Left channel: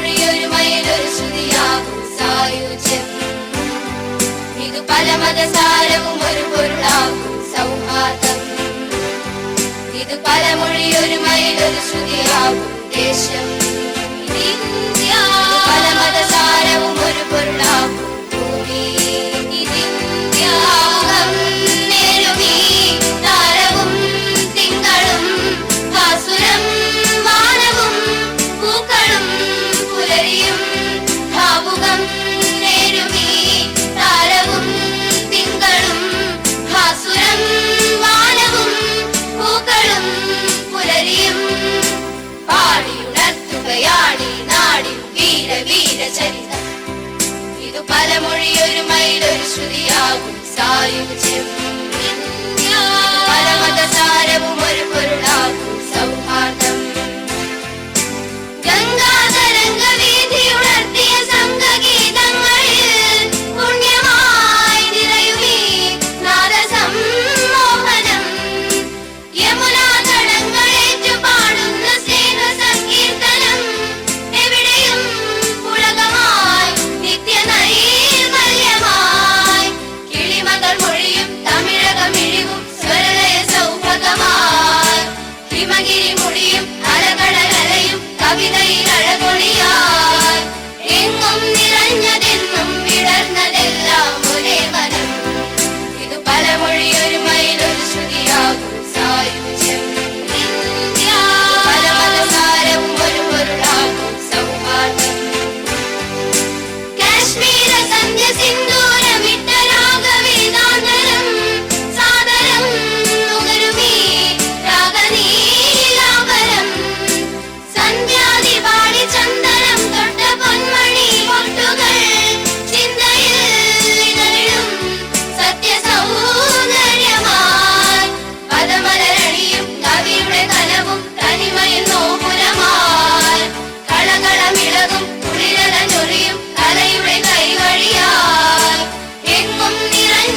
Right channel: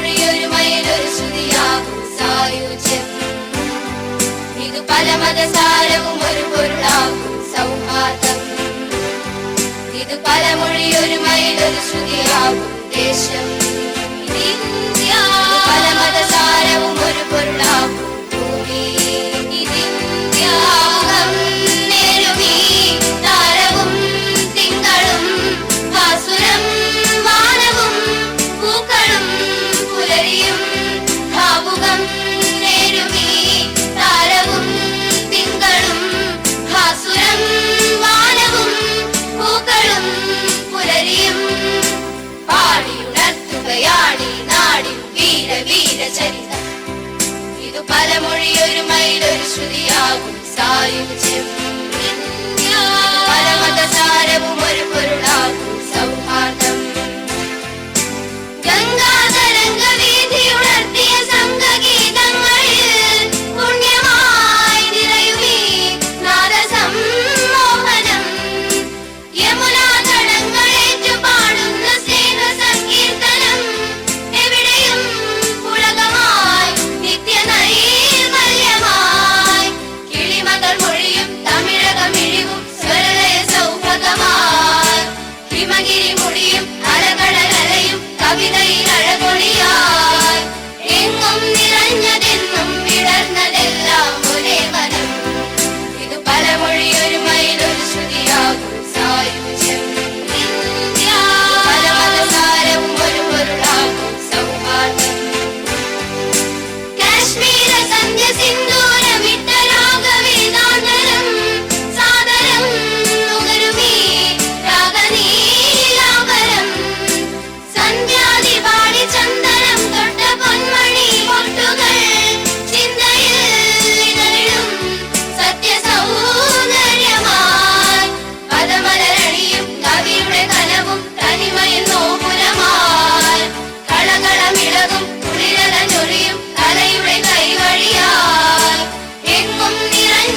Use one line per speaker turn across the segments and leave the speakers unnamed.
Doğru yürümeyi dönüşü dünya Kumsal yüce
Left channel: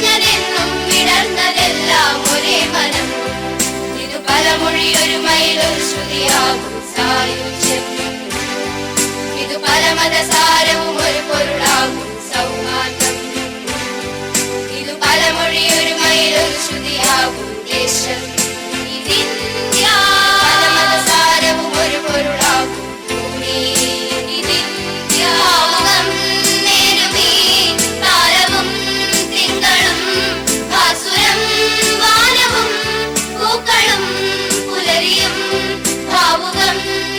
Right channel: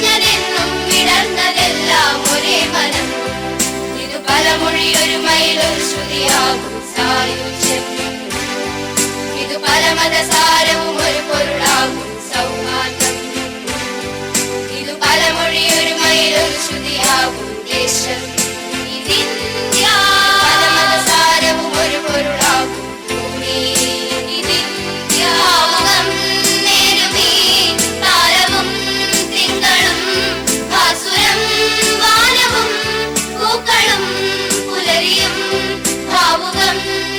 നിറഞ്ഞെങ്ങനെന്നും വിടർന്നതെല്ലാം പലമൊഴി ഒരു മയിലൊരു ശ്രുതിയാകും ഇത് പലമൊഴി ഒരു മയിലൊരു ശ്രുതിയാകും. Thank you.